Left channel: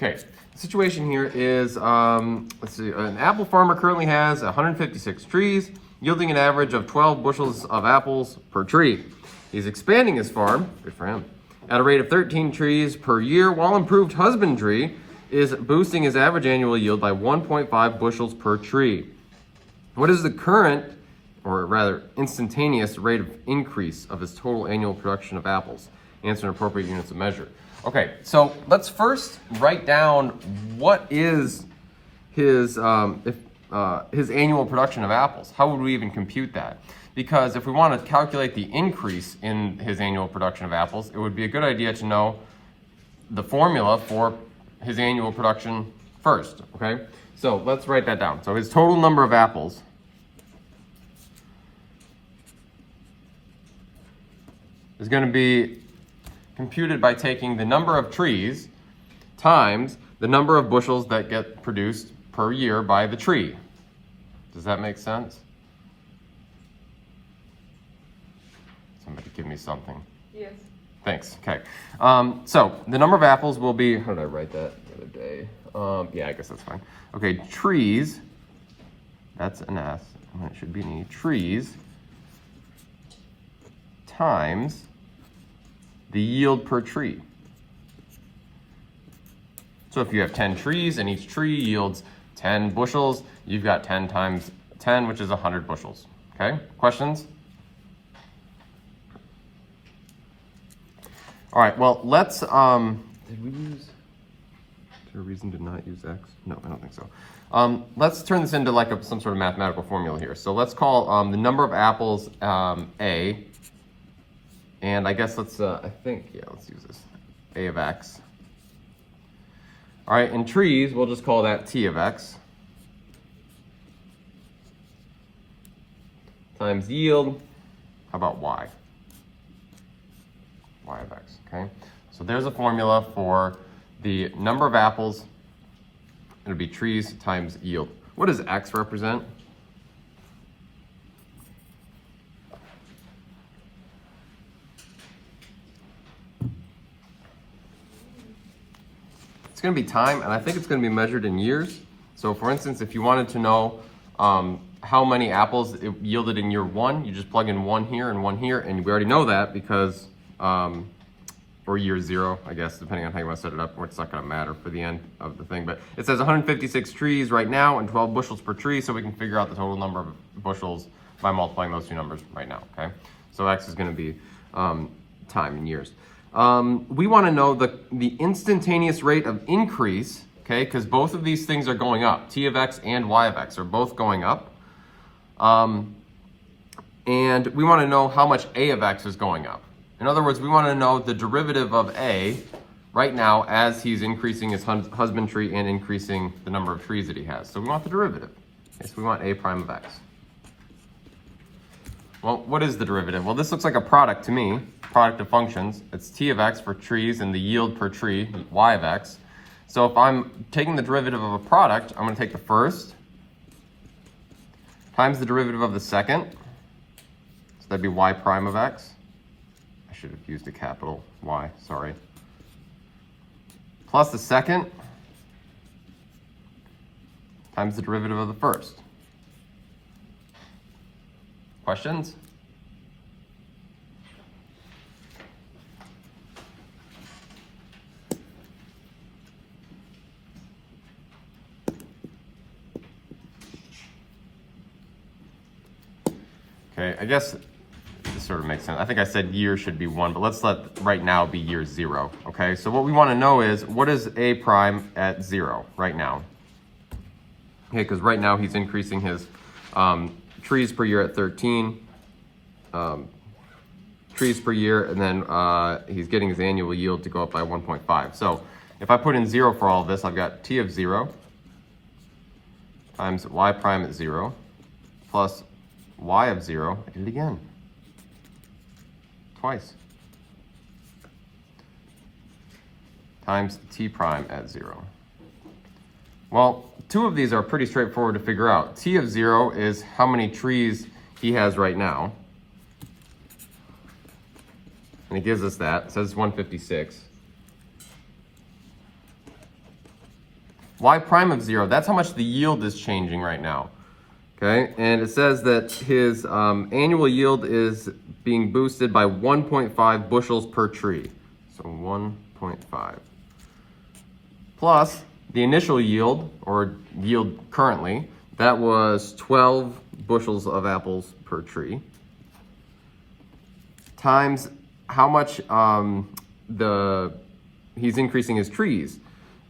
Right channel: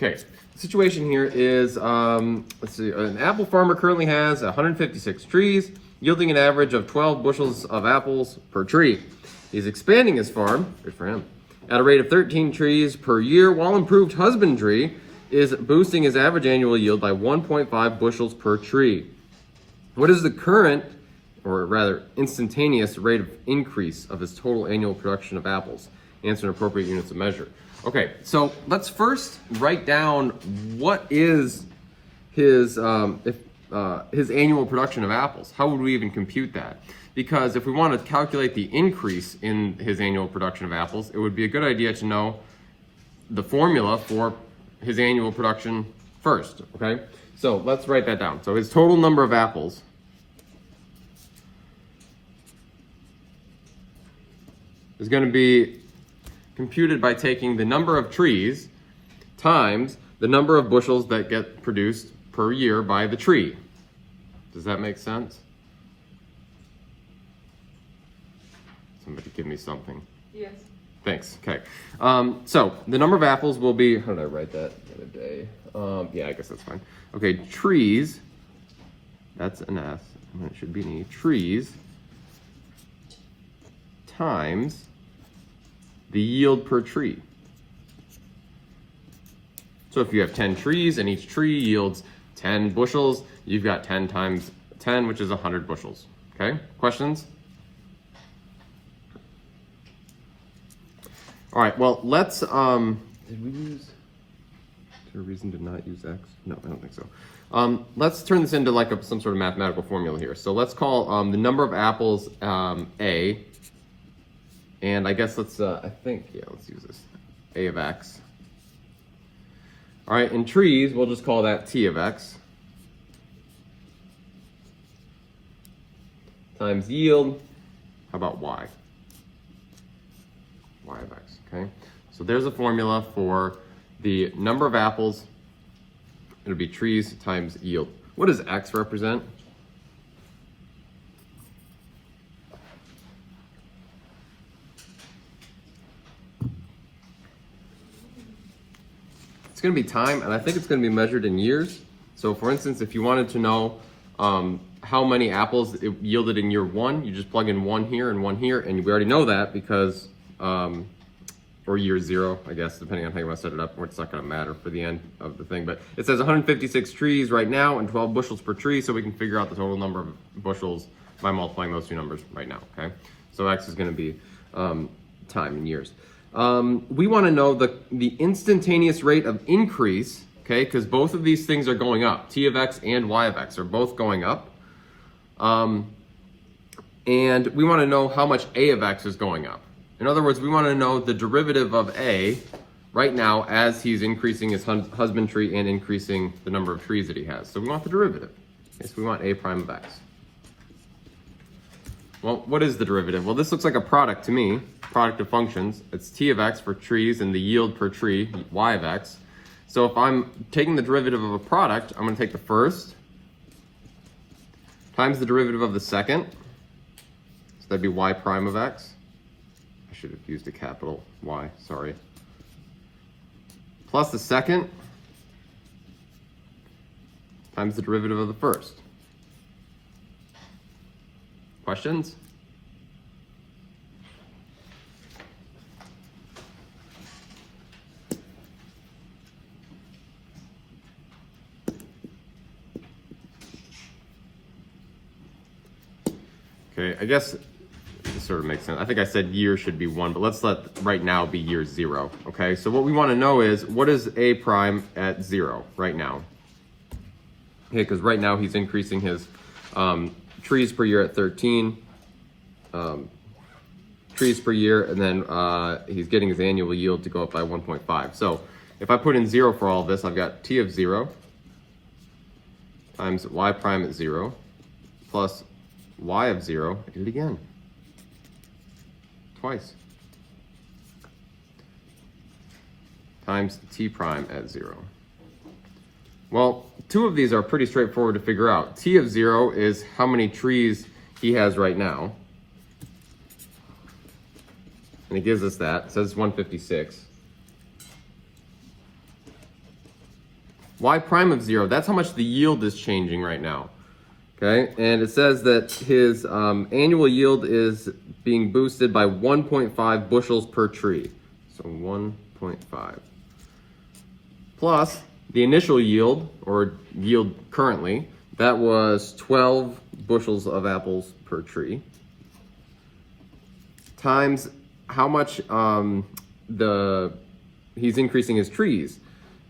Okay, the situation here is, let's see, an apple farmer currently has 156 trees, yielding an average of 12 bushels of apples per tree. He's expanding his farm, good for him, at a rate of 13 trees per year, while improved husbandry is boosting his average annual yield by 1.5 bushels per tree. What is the current, or rather instantaneous, rate of increase of his total annual production of apples? Answer in appropriate units of measure. Okay, so let's first write down what is his annual production of apples. How would we even compute that? Because if we want to calculate the increase in his annual production of apples, it would be a good idea to know the formula for his annual production first, okay? So let's write that down. So his total number of apples is going to be computed by taking the number of trees times the number of bushels that get produced per year by the tree. Does that make sense? Somebody give me something. Yes. Thanks. Okay. So the number of apples will be, how did I write that the other day? Yeah, I guess that's fine. Okay, trees, that's an S, and it should be an E. Trees times the yield per tree. So if you have 10 trees and each tree yields 10 bushels, you've got 10 times 10, which is 100 bushels. Okay, questions? All right, well, let's, did we use, is there a reason to not use X? No, I don't think so. Let's turn this into like some sort of mathematical formula here. So let's call the number of apples A, and I guess let's, let's use this, A of X. All right, in trees, we'll just call that T of X times yield, how about Y? Y of X, okay? So there's a formula for the number of apples. It'll be trees times yield. What does X represent? It's going to be time, and I think it's going to be measured in years. So for instance, if you wanted to know how many apples it yielded in year 1, you just plug in 1 here and 1 here, and we already know that because for year 0, I guess, depending on how you want to set it up, or it's not going to matter for the end of the thing. But it says 156 trees right now and 12 bushels per tree, so we can figure out the total number of bushels by multiplying those two numbers right now, okay? So X is going to be time in years. We want to know the instantaneous rate of increase, okay, because both of these things are going up. T of X and Y of X are both going up. And we want to know how much A of X is going up. In other words, we want to know the derivative of A right now as he's increasing his husbandry and increasing the number of trees that he has. So we want the derivative. Okay, so we want A prime of X. Well, what is the derivative? Well, this looks like a product to me, product of functions. It's T of X for trees and the yield per tree, Y of X. So if I'm taking the derivative of a product, I'm going to take the first times the derivative of the second. So that'd be Y prime of X. I should have used a capital Y, sorry. Plus the second times the derivative of the first. Questions? Okay, I guess this sort of makes sense. I think I said year should be 1, but let's let right now be year 0. Okay, so what we want to know is what is A prime at 0 right now? Okay, because right now he's increasing his trees per year at 13 trees per year, and then he's getting his annual yield to go up by 1.5. So if I put in 0 for all of this, I've got T of 0 times Y prime at 0 plus Y of 0, I did it again, twice, times T prime at 0. Well, 2 of these are pretty straightforward to figure out. T of 0 is how many trees he has right now. And it gives us that. It says 156. y prime of 0, that's how much the yield is changing right now. Okay, and it says that his annual yield is being boosted by 1.5 bushels per tree. So 1.5. Plus the initial yield, or yield currently, that was 12 bushels of apples per tree, times how much he's increasing his trees.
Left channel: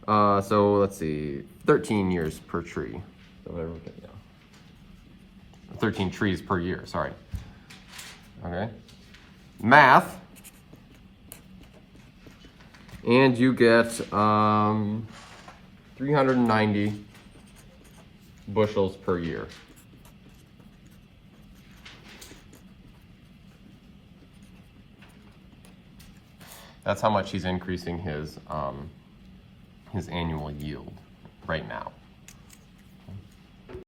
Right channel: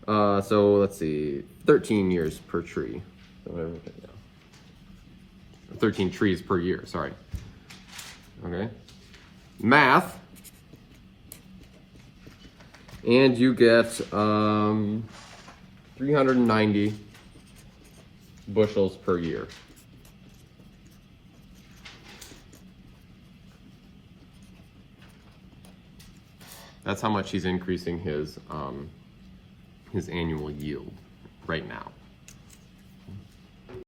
So let's see, 13 years per tree. So what I wrote it down. 13 trees per year, sorry. Okay. Math. And you get 390 bushels per year. That's how much he's increasing his annual yield right now.